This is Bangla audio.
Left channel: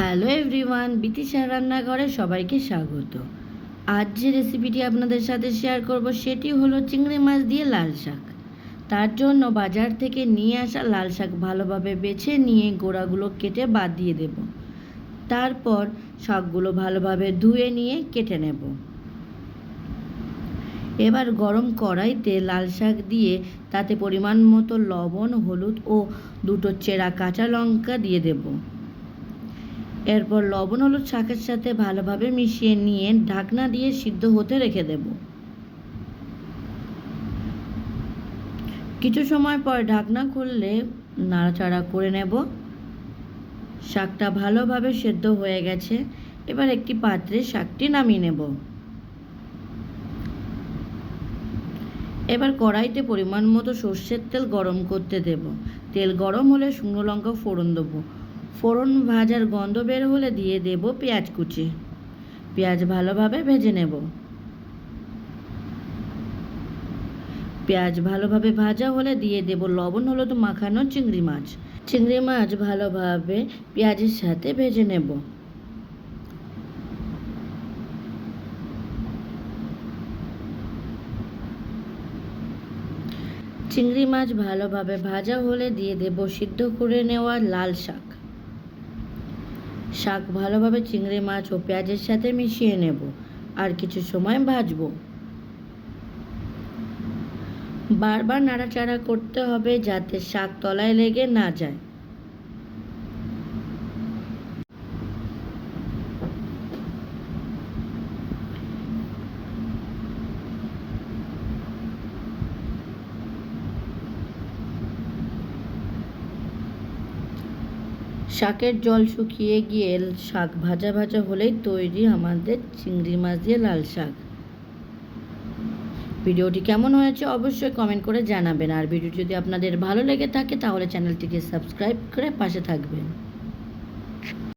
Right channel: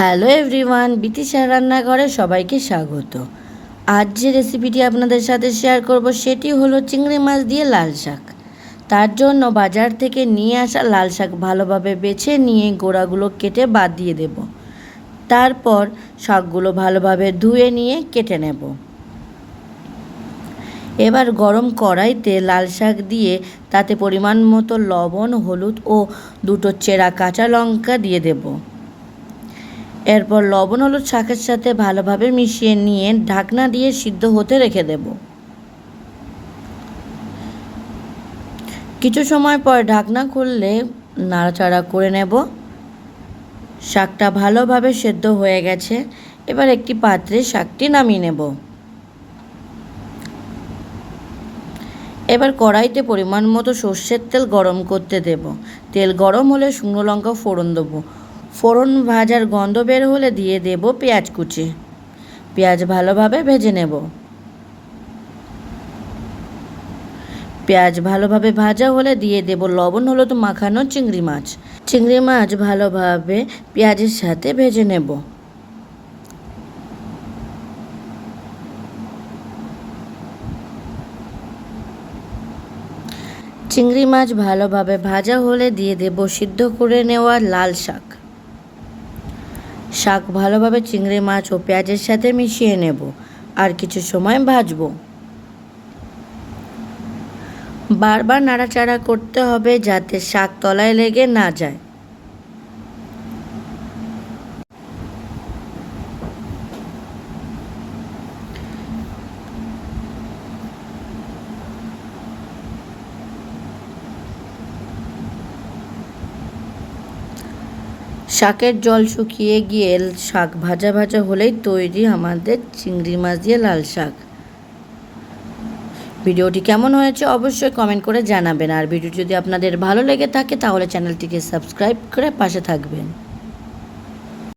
হ্যালো এভরিওয়ান, বিতিশা রান্নাঘরে সবাইকে স্বাগত। আজ যে রেসিপিটি আপনাদের সাথে শেয়ার করব সেটি হলো চিংড়ি মাছ দিয়ে লাল শাক। তার জন্য বাজার থেকে নিয়ে আসা লাল শাক ভালোভাবে বেছে নিয়ে গোড়াগুলো কেটে বাদ দিয়ে দেব। তারপর শাকগুলো ভালোভাবে ধুয়ে নিয়ে কেটে নেব। এবার গরম কড়াইতে লাল শাক দিয়ে তাতে পরিমাণ মতো লবণ, হলুদ ও দুটো চেরা কাঁচা লঙ্কা দিয়ে দেব। এরপর লবণ হলুদ শাকের সাথে ভালোভাবে মিশিয়ে নিয়ে ঢাকনা দিয়ে সিদ্ধ হতে রেখে দেব। কিছু সময় পর ঢাকনা খুললে নাড়াচাড়া করে নেব। শাকটা ভালোভাবে সেদ্ধ হয়ে গেছে। এবার একটি পাত্রে শাকটি নামিয়ে নেব। এবার কড়াইতে পরিমাণ মতো সর্ষের তেল গরম করতে দেব। তেল গরম হলে শুকনো লঙ্কা ফোড়ন দেবো। ফোড়ন ভাজার গন্ধ বের হলে দিয়ে দেব পেঁয়াজ কুচি। পেঁয়াজ ভালোভাবে ভেজে নেব। পেঁয়াজ ভালোভাবে ভাজা হলে দিয়ে দেব লবণ হলুদ মাখানো চিংড়ি মাছ। চিংড়ি মাছ ভালোভাবে পেঁয়াজের সাথে ভেজে নেব। চিংড়ি মাছ ভালোভাবে ভাজা হলে দিয়ে দেব সিদ্ধ করে নেওয়া লাল শাক। শাক ভালোভাবে চিংড়ি মাছ ও পেঁয়াজের সাথে মিশিয়ে নেব আর কিছু সময় ভাজবো। বারবার নাড়াচাড়া করতে হবে যাতে শাক তলায় লেগে না যায়। শাকের জল শুকিয়ে গিয়ে শাক ভাজা ভাজা হলেই তৈরি আমাদের চিংড়ি মাছ দিয়ে লাল শাক। ভিডিওটি কেমন হয়েছে অবশ্যই কমেন্ট করে জানাবেন। আর ভিডিও যদি আপনাদের ভালো লেগে থাকে তাহলে চ্যানেলটিকে সাবস্ক্রাইব করে পাশে থাকবেন।